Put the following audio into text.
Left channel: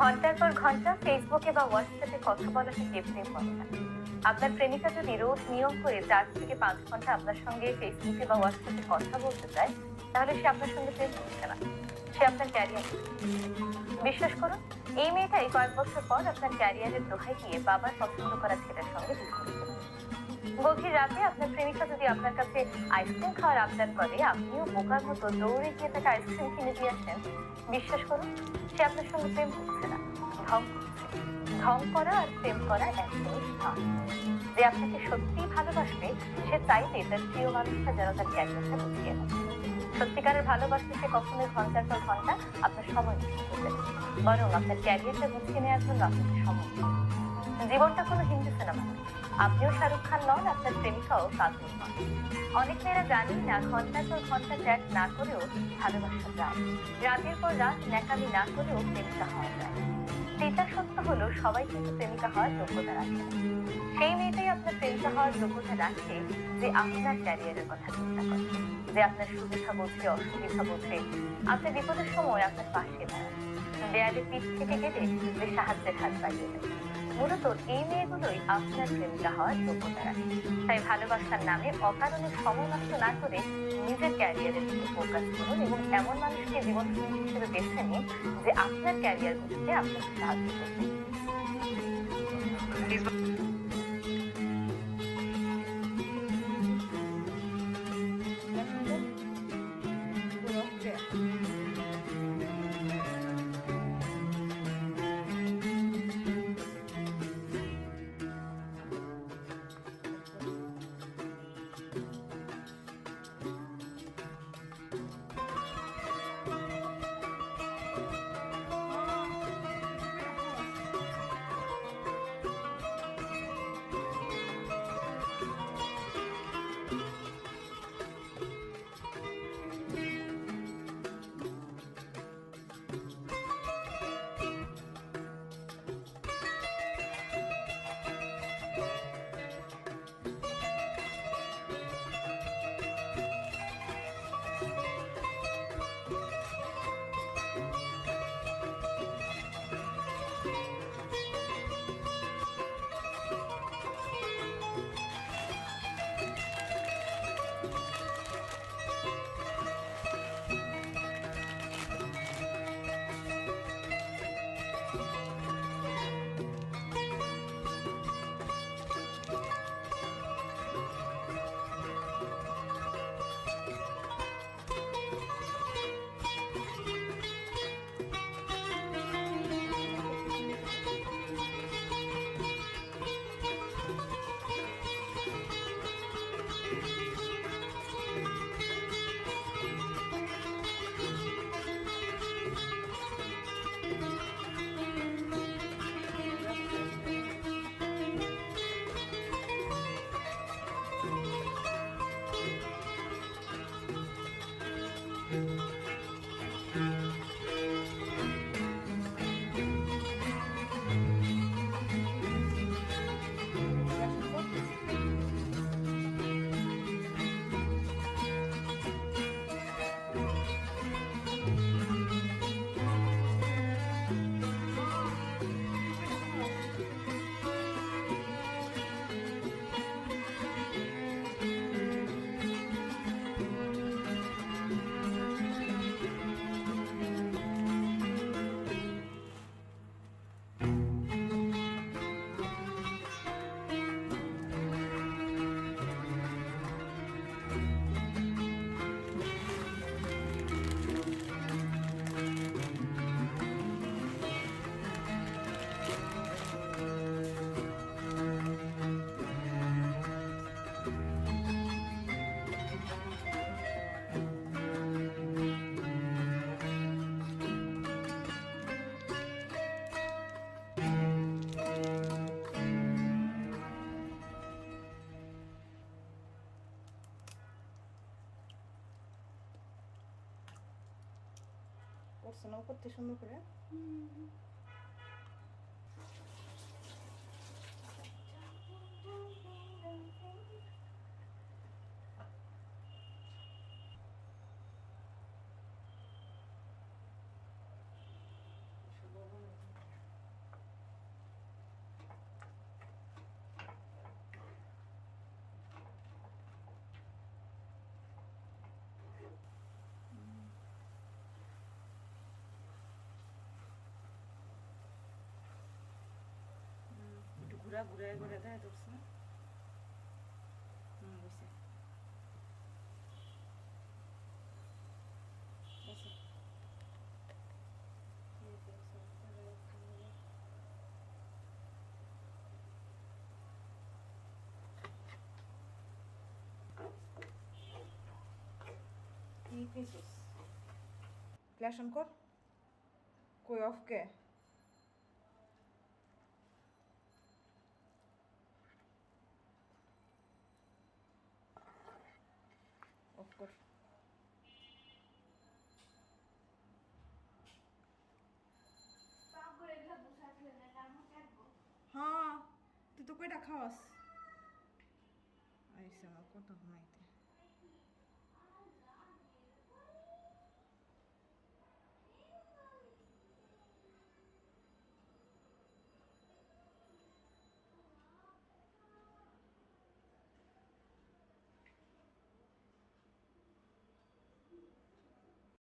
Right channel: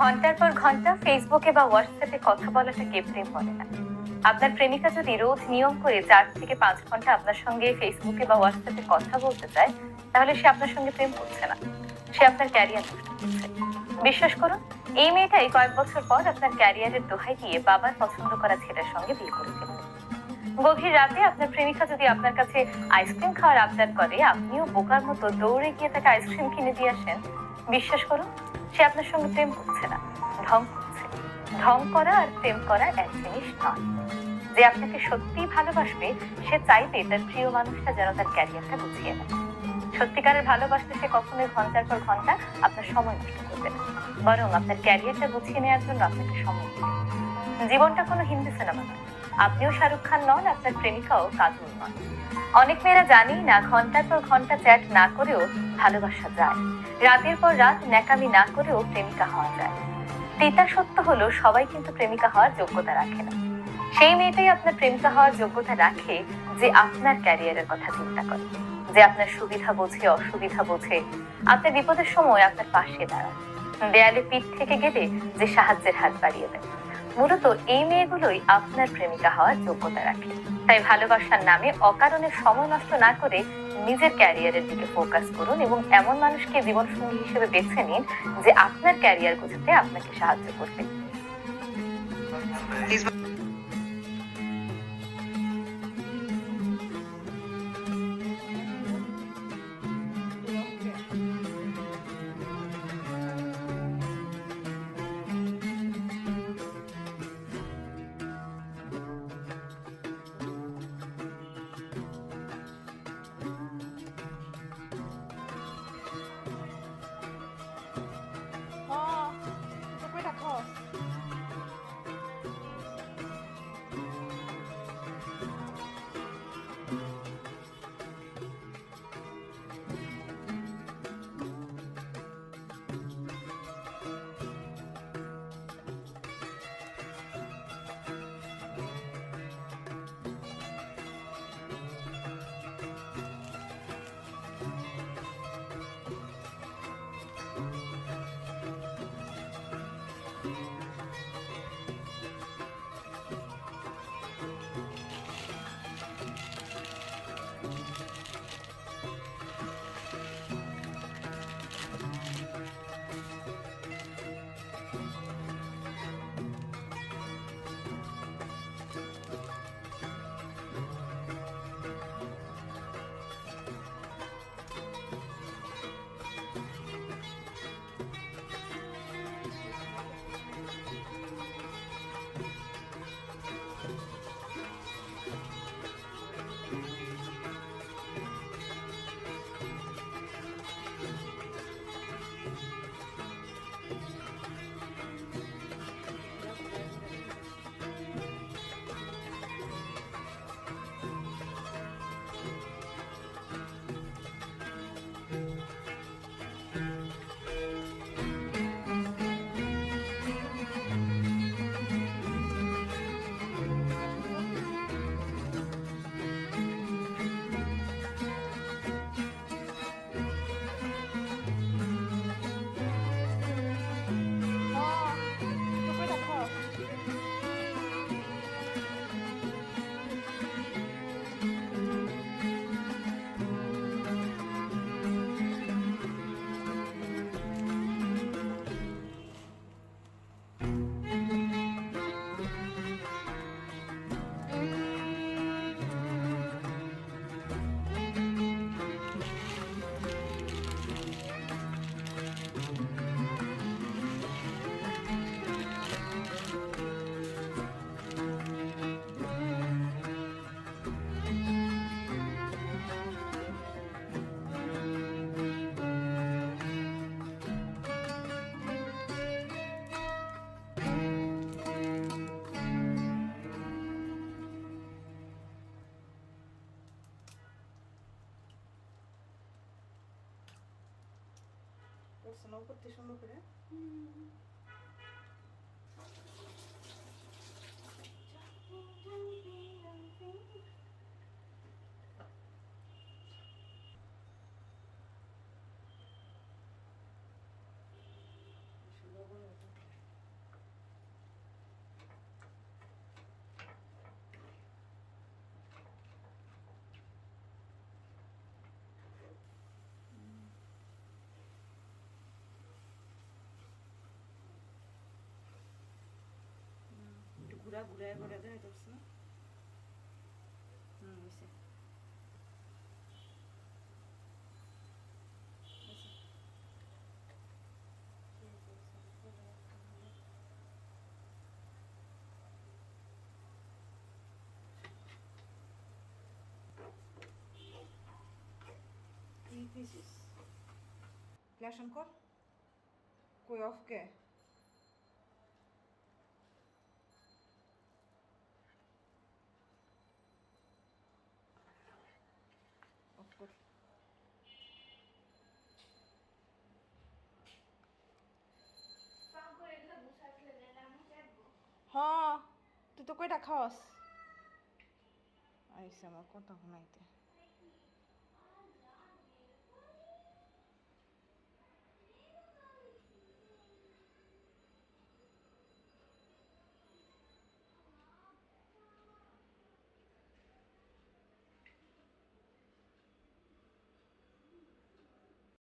ঘণ্টার পর ঘণ্টা ফেসবুকে বা হোয়াটসঅ্যাপে কথা বলাটা কে প্রেম বলে না। আপনার প্রেমিকা যদি রোজ নিয়ম করে চার থেকে পাঁচ ঘণ্টা আপনার সঙ্গে ফেসবুকে বা হোয়াটসঅ্যাপে কথা বলতে চায়, তাহলে সে আপনার সঙ্গে প্রেম করছে না। সে আপনার ক্যারিয়ার বিশ্বাস করুন, এই মেয়েটাই কয়েক বছর পর আপনার ক্যারিয়ারের দোহাই দিয়ে বাবার পছন্দ করা ছেলের সঙ্গে বিয়ে করে গভীর রাতে আপনার প্রেমিকা যদি আপনার কাছে আইসক্রিম খাওয়ার আবদার করে, আপনিও বোকার মতো দৌড়ে গিয়ে তাকে আইসক্রিম কিনে দিয়ে আসেন। বিশ্বাস করুন সে আপনার সঙ্গে প্রেম করছে না। ঢং করছে। ঢং করা আর প্রেম করা এক জিনিস নয়। যে আপনাকে সত্যিই ভালোবাসবে, সে চাইবে তার প্রিয় মানুষটা যেন তার ক্যারিয়ারটা গুছিয়ে নেয়। সত্যিকারের ভালোবাসতে সে কখনোই ঘণ্টার পর ঘণ্টা আপনার সময় নষ্ট করবে না। বরং আপনার ক্যারিয়ারটা গুছিয়ে নেওয়ার জন্য আপনাকে সময় দেবে। জীবনটা কোনো হিন্দি সিনেমা নয় আপনিও শাহরুখ খান নন, আপনার প্রেমিকাও কাজল নন। অনেক মেয়েরা জানি না, ঘণ্টার পর ঘণ্টা চ্যাট না করেও ভালোবাসা যায়। রাতের পর রাত ন্যাকামি না করেও প্রেমিকা হওয়া যায়। তিতা সত্য হলো, সবাই কিন্তু প্রেমিকা হওয়ার যোগ্যতা রাখে না। সেই মেয়েটাই আপনার প্রেমিকা হওয়ার যোগ্যতা রাখে যে আপনার ক্যারিয়ারের কথা চিন্তা করে, যে আপনার সুবিধা বোঝে, অসুবিধা বোঝে, আপনার বিপদের সময় আপনার পাশে দাঁড়ায়। দেয়ালে পিঠ থেকে গেলে যে সাহায্যের হাত বাড়িয়ে দেয়। মূলত এই মেয়েগুলোই আপনার প্রেমিকা হওয়ার যোগ্যতা রাখে। তাই ভালোবাসার নামে অকারণে সময় নষ্ট না করে নিজের ক্যারিয়ারের দিকে ফোকাস করুন এবং এমন মানুষকে জীবনসঙ্গী হিসেবে বেছে নিন যে আপনার ক্যারিয়ার গোছাতে আপনাকে সাহায্য করবে। করছে না করতে সুন্দর করে ঘুরা ঘুরা ঘুরা দেখা যাচ্ছে না হুম বুঝছে বুঝছে ঠিক আছে তাহলে তাহলে কর। হ্যাঁ তুই তো কয়টা খাওয়াস? আইসে আমার শোনাইতে।